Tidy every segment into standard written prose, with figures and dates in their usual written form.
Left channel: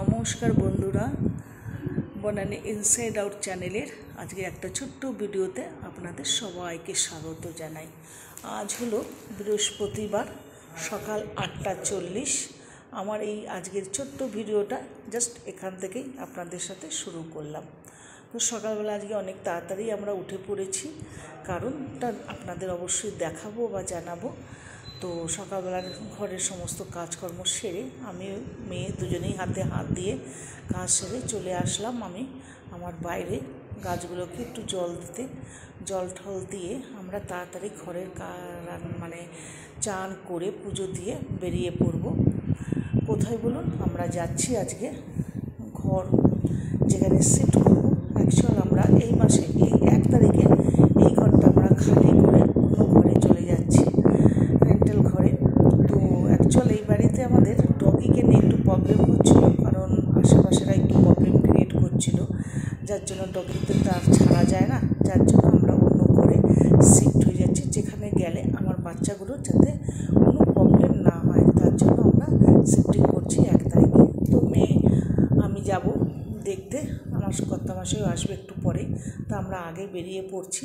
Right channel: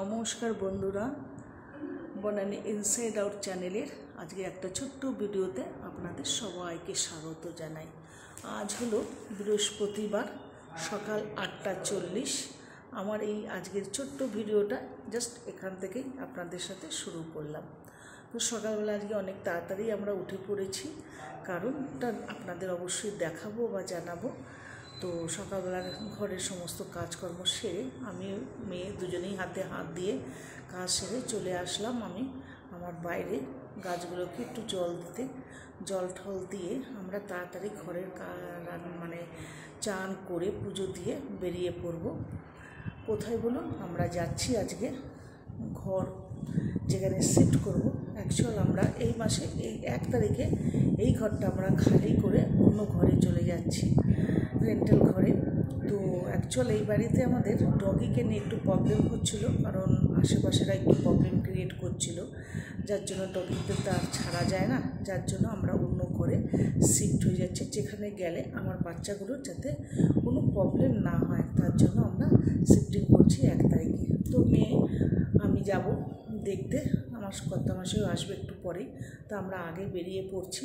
নমস্কার বন্ধুরা, Banani inside out চ্যানেলের আজকে একটা ছোট্ট ভিডিওতে আপনাদের সবাইকে স্বাগত জানাই। আজ হলো বৃহস্পতিবার, সকাল 8:40। আমার এই আজকের ছোট্ট ভিডিওটা জাস্ট এখান থেকেই আপনাদের সাথে শুরু করলাম। তো সকালবেলা আজকে অনেক তাড়াতাড়ি আমরা উঠে পড়েছি, কারণটা আপনাদের অবশ্যই দেখাবো বা জানাবো। তো সকালবেলার ঘরের সমস্ত কাজকর্ম সেরে আমি মেয়ে দুজনেই হাতে হাত দিয়ে কাজ সেরে চলে আসলাম আমি আমার বাইরে গাছগুলোকে একটু জল দিতে। জল ঠল দিয়ে আমরা তাড়াতাড়ি ঘরের চান করে পুজো দিয়ে বেরিয়ে পড়ব। কোথায় বলুন? আমরা যাচ্ছি আজকে ঘর যেখানে শিফট করব। অ্যাকচুয়াল আমরা এই মাসে এই 1 তারিখে এই ঘরটা আমরা খালি করে অন্য ঘরে চলে যাচ্ছি, রেন্টাল ঘরে। তো অ্যাকচুয়াল এই বাড়িতে আমাদের ডগিকে নিয়ে একটু প্রবলেম হচ্ছিলো, কারণ আশেপাশেরা একটু প্রবলেম ক্রিয়েট করছিল, যার জন্য ডগিতে তো আর ছাড়া যায় না। যার জন্য আমরা অন্য ঘরে শিফট হয়ে যাচ্ছি, যেখানে গেলে আমার বাচ্চাগুলোর যাতে কোনো প্রবলেম না হয়, তার জন্য আমরা শিফটিং করছি 1 তারিখে। তো মেয়ে আমি যাব দেখতে, আমার কর্তামশাইও আসবে একটু পরে। তো আমরা আগে বেরিয়ে পড়ছি।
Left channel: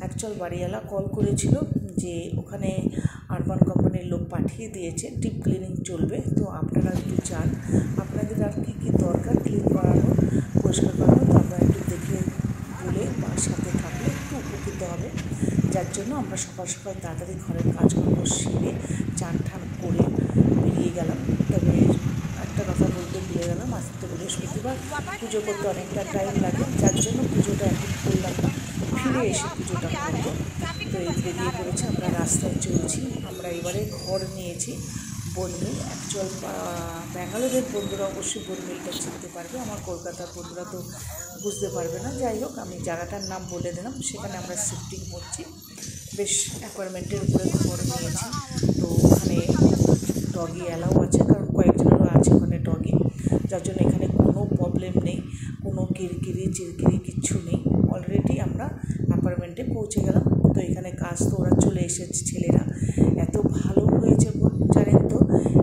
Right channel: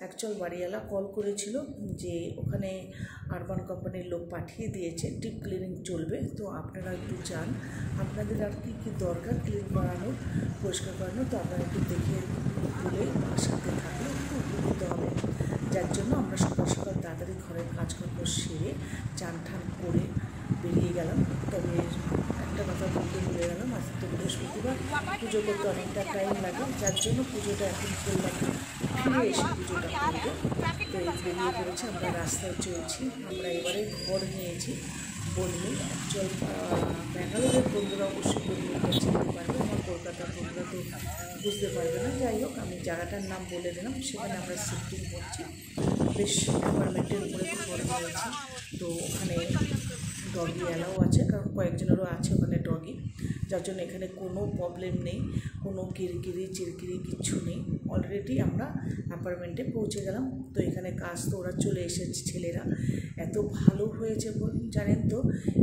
অ্যাকচুয়াল বাড়িওয়ালা কল করেছিল যে ওখানে আরবান কোম্পানির লোক পাঠিয়ে দিয়েছে, ডিপ ক্লিনিং চলবে। তো আপনারা একটু যান, আপনাদের আর কী কী দরকার ক্লিন করানো, পরিষ্কার করানো, তো আপনারা একটু দেখে বলে বা সাথে থাকলে একটু উপকৃত হবে। যার জন্য আমরা সকাল সকাল তাড়াতাড়ি ঘরের কাজকর্ম সেরে চান ঠান করে বেরিয়ে গেলাম। তবে একটা কথা বলতে ভুলে গেলাম, আজ তো বৃহস্পতিবার, পুজো করতে অনেকটা টাইম লাগে, যার জন্য পুজোটা এখন করলাম না, ফিরে এসে পুজোটা করব। তো এই বেরিয়ে পড়েছে, আমরা রাস্তায় চলছি। আমরা এবারে ঘর নিয়েছি বনমিল। অ্যাকচুয়াল ব্যাঙ্গালোরের বন্ধুরা অবশ্যই বনমিলটা চিনতে পারবে, আমার কলকাতার বন্ধুরা তো বুঝতে পারবে না। যাই হোক, আমি জায়গাটার নাম বলে দিলাম। সেখানে আমরা শিফটিং করছি, বেশ অ্যাপার্টমেন্টের উপরে ঘর নিয়েছি। তো ওখানে ডগি অ্যালাউ আছে, কারণ কয়েকজনেরও আছে ওখানে ডগি, যার জন্য এখানে কোনো প্রবলেম নেই, কোনো কিরকিরি চিরকিরি কিচ্ছু নেই। অলরেডি আমরা অ্যাপার্টমেন্টে পৌঁছে গেলাম। তো এখানে কাজ তো ওরা চলে এসেছে, ছেলেরা এত ভালো হয়েছে জানেন তো।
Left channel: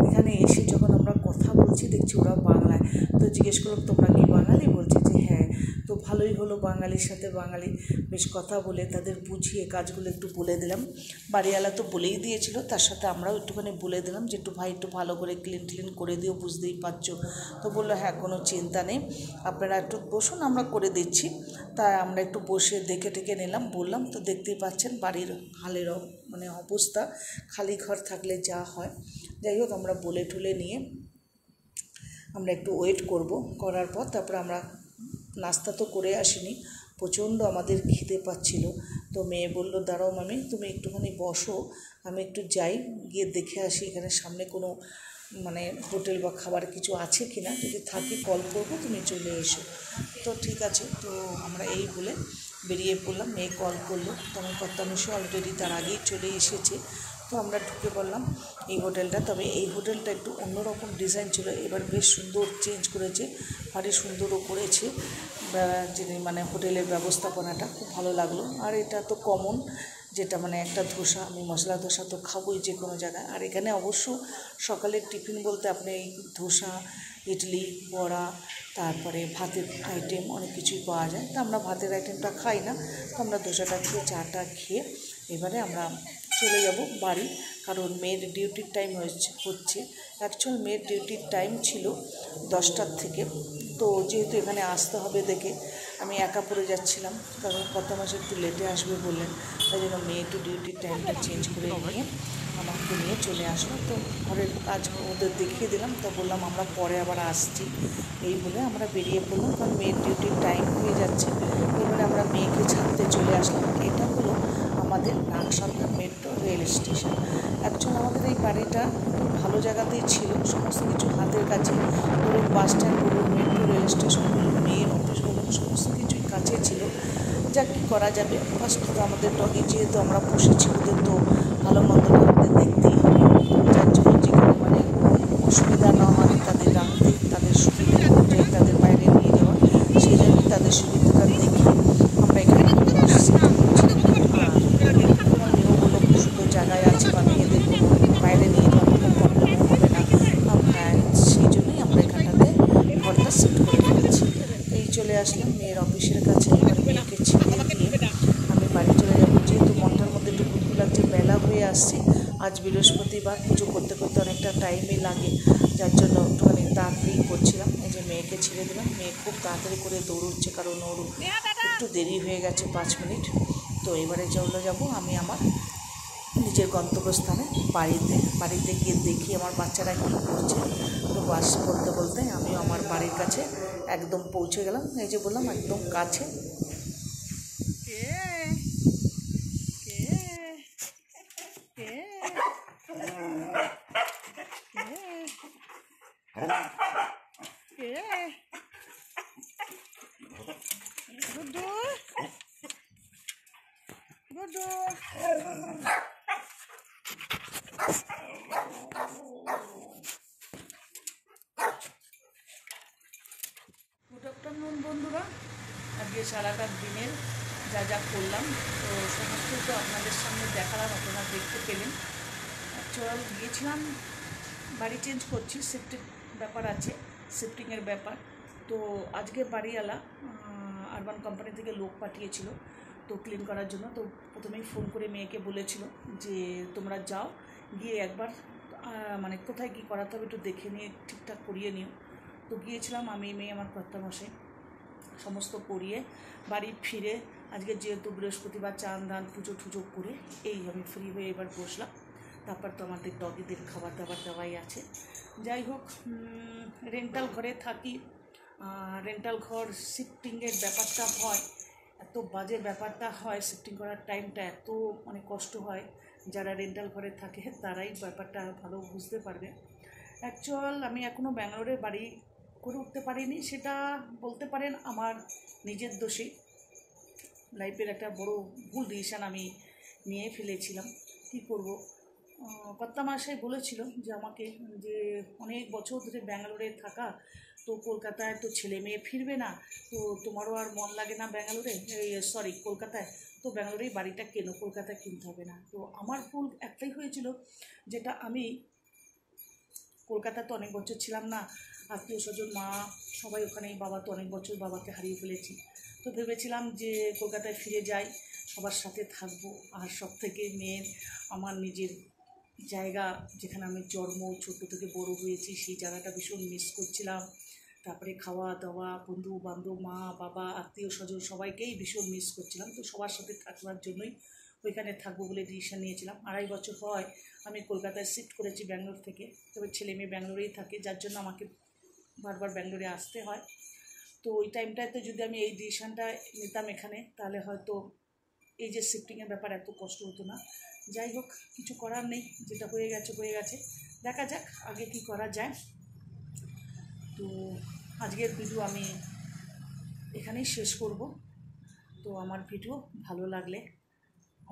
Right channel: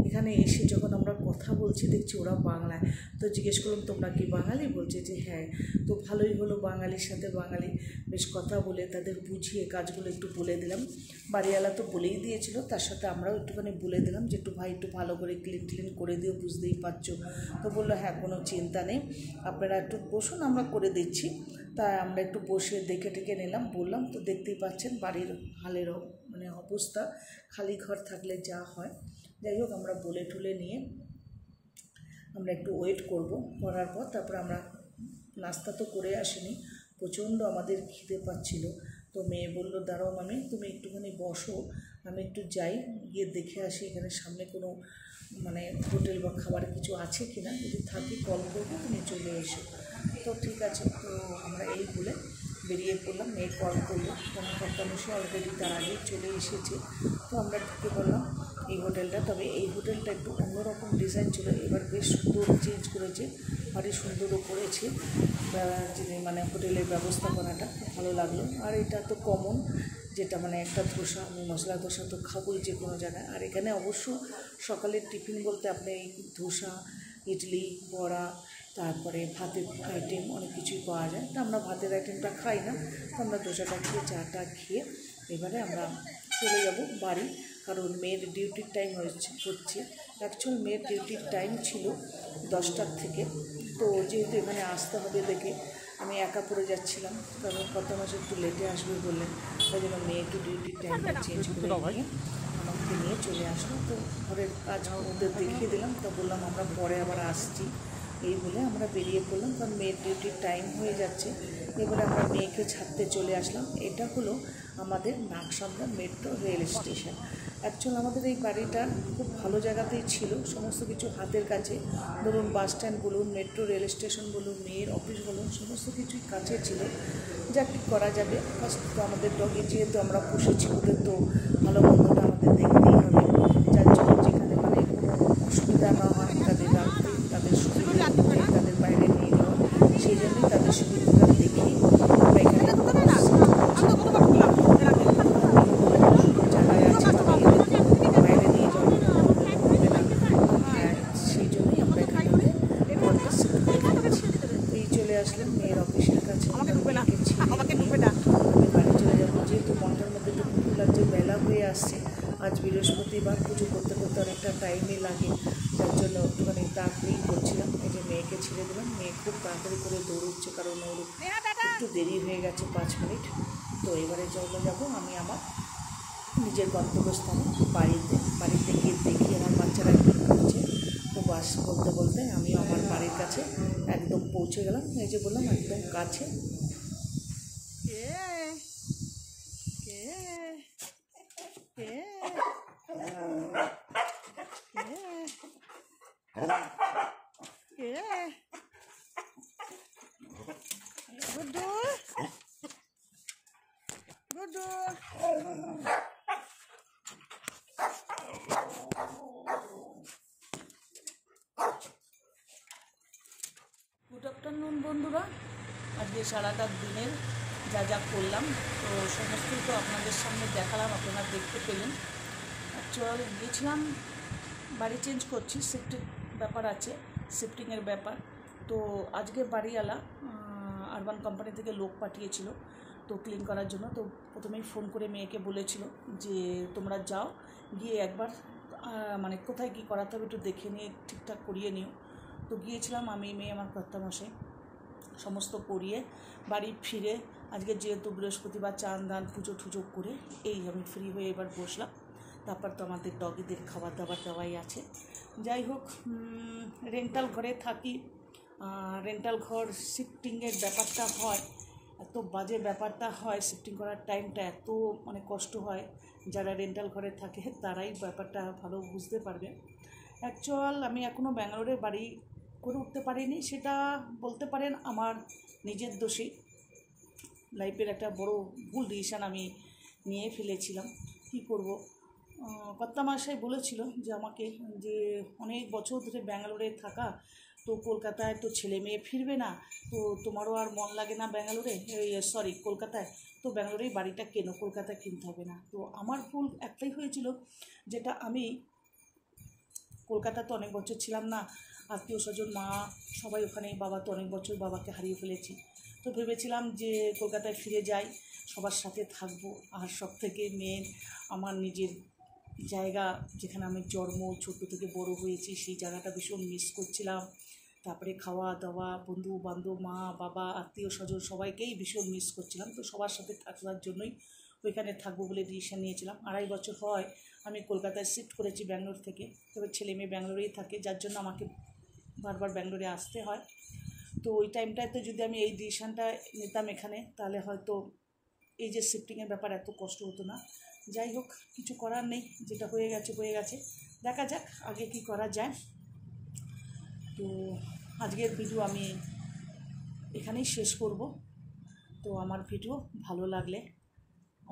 এখানে এসে যখন আমরা কথা বলছি দেখছি ওরা বাংলায়, তো জিজ্ঞেস করলাম তোমরা কি বাঙালি? বলছে যে হ্যাঁ। তো ভালোই হলো, বাঙালির সাথে বাঙালি বেশ কথা বলে তাদের বুঝিয়ে কাজগুলো একটু বলে দিলাম। বাড়িওয়ালা তো বলেই দিয়েছিল, তার সাথে আমরাও একটুখানি বলে দিলাম যে একটু ভাই একটু ভালো করে ক্লিন করে দিও, বুঝতেই পারছো। তো বললো হ্যাঁ কোনো চিন্তা নেই, আপনারা একটু বসুন, আমরা করে দিচ্ছি। তাই আমরা একটু বসে দেখে টেকে নিলাম, বললাম। তো দেখতেই পাচ্ছেন বাড়ির হালের অবস্থা, খালি ঘর থাকলে যা হয়। যাই হোক, আমরা বলে ঠুলে নিয়ে আমরা একটু ওয়েট করার পর তারপর আমরা নাস্তা তো করে আসিনি, প্রচণ্ড আমাদের খিদে পাচ্ছিল। তো মেয়ে বললো দাঁড়াও মামি, তুমি একটুখানি বসো, আমি একটু যাই, গিয়ে দেখে আসি এখানে সামনে কোনো হোটেল বা খাবার কিছু আছে কি না, যদি থাকে কল করবো, তুমি চলে এসো। তো ঠিক আছে। তো আমরা এই বলে বেরিয়ে পড়লাম। মেয়ে কল করলো, তো আমার কর্তামশাই অলরেডি তার আগেই চলে এসেছে। তো আমরা ঢুকে পড়লাম এই হোটেলটা। তবে এই হোটেলটা একটু অন্যরকম ডিজাইন ছিল, এবার বেশ সুন্দর চেঞ্জ করেছে, ভারী সুন্দরও করেছে। যিনি হোটেলের ব্যবস্থাপনাটা খুব ভালো লাগলো। আর এটা তো কমন, যেটা একটা ধোসা, আমি মশলা ধোসা তো খাবোই যে কোনো জায়গায়। আর এখানে অবশ্য সকালের টিফিন বলতে আপনি এই ধোসা, ইডলি, বড়া, তারপরে ভাতের আইটেম অনেক কিছুই পাওয়া যায়। তো আমরা ভাতের আইটেমটা খাই না, তো আমরা ধোসাটা খেয়ে চাটা খেয়ে এবারে আমরা চলে যাব বাড়ি, কারণ মেয়ের ডিউটির টাইম হচ্ছে। অ্যাকচুয়াল মেয়ের ডিউটির টাইম ছিল 10টার থেকে। তো যেহেতু এখানে আসতে হবে দেখে আমি একা পড়ে যাচ্ছিলাম, কারণ কর্তামশাই একটু লেটে আসবে বললেন, তাই জন্য মেয়ে একটু ডিউটির টাইমটা চেঞ্জ করে নিয়ে আমাকে নিয়ে চলে আসলো। তো ঘরের কাজ ওদের দেখিয়ে দিলাম, তো বললাম আমরা পরে আবার আসছি, এই বলে আমরা বেরিয়ে পড়লাম, কারণ মেয়ের ডিউটির টাইম হয়ে যাচ্ছে। এবারে আমরা মেয়েকে ছাড়তে চলে আসলাম। এটা হলো আমাদের নাগসন্ধ্যা মেট্রো রেল স্টেশন। অ্যাকচুয়ালি আমাদের এই বাড়িটা খুব ভালো জায়গাতেই ছিল, সমস্ত কিছু হাতের কাছে, ধরুন বাস স্ট্যান্ড বলুন, মেট্রো রেল স্টেশন বলুন, মেয়ের অফিস বলুন, সমস্ত কিছুই কাছে ছিল। যা কী করা যাবে, ফার্স্ট তো আমাদের ডগি যেহেতু আমরা পুষেছি, ওদের তো ভালো মন্দটা আমাদের দেখতেই হবে। যার জন্য যেখানে কোনো অসুবিধা না হয় তাদের রাখতে, তাদের সুবিধা অনুযায়ী তাদের বাইরে নিয়ে যাওয়া, সেই জন্যই তাদের সুবিধাটা দেখে আমরা এখানে সুন্দর জায়গায় আছে, বা মেয়েদের বাইরে নিয়ে যাওয়ার কোনো প্রবলেম হবে না। হ্যাঁ, সেই জন্যই আমরা এখানটাতে ঘর চলে আসলাম মেয়ের অফিসের কাছে। মেয়েকে ছেড়ে দিয়ে আমি বাড়ি চলে যাব, যেহেতু মনটার মধ্যে একটু ভুল লাগছে, বেলা হয়ে আসছে। আজ বৃহস্পতিবার, পুজো করতে করতে অনেকটা টাইমই লাগে, যার জন্য একটুখানি তাড়াতাড়ি করছিলাম। এই যে মেয়েকে ছেড়ে দিলাম, মেয়ে খুব তাড়াতাড়ি করে দৌড়চ্ছে, কারণ ওর একটু দেরি হয়ে গেছে 5 মিনিট। তো এবারে চলে যাব আমি আমার নিজের গন্তব্যস্থানে বাড়িতে গিয়ে দেখি আমার বাচ্চারা কী করছে। তো বাস বলতে বলতে আমিও আমার বাড়ির কাছে একদম পৌঁছে গেলাম। এই যে বললাম একদম কাছে। গুড আফটারনুন বন্ধুরা। আজকে সারাটা দিনের যা যা করলাম তো সমস্তই তো আপনাদের সামনে দেখালাম, আপনারা দেখতে পেলেন। অ্যাকচুয়াল গিয়েছিলাম, বাড়ি চেঞ্জ করছি, শিফটিং ব্যাপার আছে, শিফটিংয়ের ব্যাপার। তো আজকে বাড়িওয়ালা আরবান কোম্পানি থেকে লোক পাঠিয়েছিল তো ক্লিন করার জন্য। তো প্রথমেই ফোন করে মেয়েকে বলেছিল যে তোমরা যাও, গিয়ে একবার মানে কোথায় কী করাতে হবে একটু দেখে নিয়ে ঠিকঠাক করিয়ে নিও। তো গিয়েছিলাম আমি, মেয়ে, আমার কর্তামশাই, সমস্ত করিয়ে বাড়ি ফিরে আজকে যেহেতু বৃহস্পতিবার চান দান পুজো টুজো করে এই আমি ফ্রি হয়ে এবার বসলাম। তারপর তো আমাদের ডগিদের খাবার দাবার দেওয়াই আছে। যাই হোক, রেন্টাল ঘরে থাকি, রেন্টাল ঘর শিফটিংয়ের ব্যাপারটা হয়, এত বাজে ব্যাপারটা হয়, শিফটিং করার টাইমটা এত মানে কষ্ট হয়। যারা রেন্টাল ঘরে থাকে তারাই ব্যাপারটা ভালো বুঝতে পারবে। অ্যাকচুয়াল আমি এখনও ব্যাঙ্গালোরে বাড়ি করে উঠতে পারিনি, সেটা বলতে পারেন আমার নিজের দোষেই। লাইফের একটা বড় ভুল ডিসিশান আমি নিয়ে ফেলেছিলাম। কী করব, কর্তামশাই বলেছিল যে আমাকে যে অনেক বছর ধরে ব্যাঙ্গালোরে থাকা, তো কলকাতায় তো ছেলে মেয়ে ফিরবে না, তো তোমারও আর মন লাগে না ব্যাঙ্গালোরে, কলকাতায়, তো ব্যাঙ্গালোরেই বাড়িটা কেনো, কলকাতায় কিনতে হবে না। তো আমার ভুল একটাই হয়েছিল, যেটা আমি কলকাতায় তো অনেক বছর ছিলাম না, আত্মীয় স্বজন মা সবাই ওখানেই, বাবা তো অনেক বছর বাবাকে হারিয়ে ফেলেছি। তো ভেবেছিলাম যে কলকাতায় ফিরে যাই, সবার সাথে থাকবো। আর সব থেকে মেন আমার নিজের জায়গা, যেখানে আমি জন্ম, ছোট থেকে বড় হয়েছি, সেই জায়গাটা ভীষণ মিস করছিলাম। তারপরে খাওয়া দাওয়া, বন্ধু বান্ধব, মা বাবা, আত্মীয় স্বজন সবাইকেই ভীষণ মিস করছিলাম। তো সবার সাথে থাকবার জন্যই ওইখানে থাকবো বলে ডিসিশন নিয়েছিলাম। 2.5 বছর হয় আমি কলকাতায় শিফট করেছি ব্যাঙ্গালোর থেকে, তবে ছেলে মেয়ে ব্যাঙ্গালোরেই থাকে, যার জন্য আমাকে বারবার ব্যাঙ্গালোরে আসতে হয়। তো ওই টাইমটাতে যদি আমি এই ডিসিশানটা নিতাম এখানে, তাহলে হয়তো এই যে শিফটিংয়ের ব্যাপার এত কষ্ট হতো না। যাই হোক, কিছু করার নেই, যেটা হয়ে গেছে হয়ে গেছে, দেখা যাক আগে কি করা যায়। তো আজকের ভিডিও আমি এখানেই শেষ করব। তো আমার ভিডিও ভালো লাগলে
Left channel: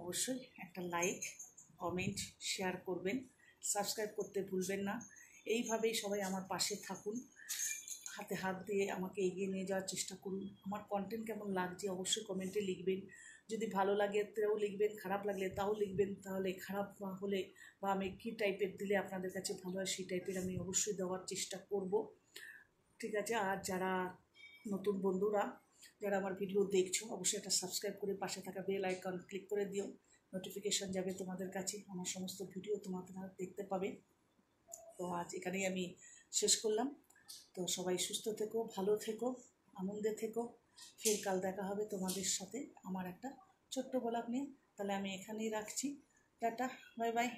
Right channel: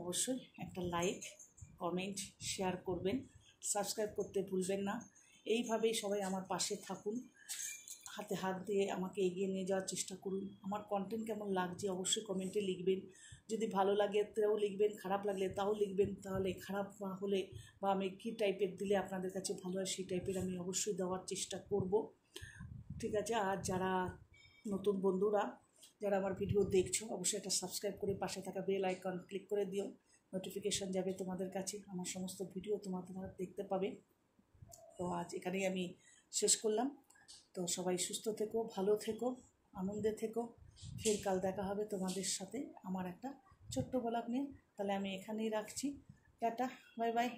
অবশ্যই একটা লাইক, কমেন্ট, শেয়ার করবেন, সাবস্ক্রাইব করতে ভুলবেন না। এইভাবেই সবাই আমার পাশে থাকুন, হাতে হাত দিয়ে আমাকে এগিয়ে নিয়ে যাওয়ার চেষ্টা করুন। আমার কন্টেন্ট কেমন লাগছে অবশ্যই কমেন্টে লিখবেন। যদি ভালো লাগে তাও লিখবেন, খারাপ লাগলে তাও লিখবেন। তাহলে খারাপ হলে বা আমি কী টাইপের দিলে আপনাদের কাছে ভালো হয় সেই টাইপের আমি অবশ্যই দেওয়ার চেষ্টা করব, ঠিক আছে। আর যারা নতুন বন্ধুরা যারা আমার ভিডিও দেখছো, অবশ্যই একটা সাবস্ক্রাইব করে পাশে থাকা বেল আইকন ক্লিক করে দিও, নোটিফিকেশান যাবে তোমাদের কাছে, আমার সমস্ত ভিডিও তোমাদের দেখতে পাবে। তো আজ এখানেই আমি শেষ করলাম। তো সবাই সুস্থ থেকো, ভালো থেকো, আনন্দে থেকো। ফের কাল দেখা হবে তোমাদের সাথে আমার একটা ছোট্ট ব্লগ নিয়ে। তাহলে আমি এখানেই রাখছি, টাটা, বাই বাই।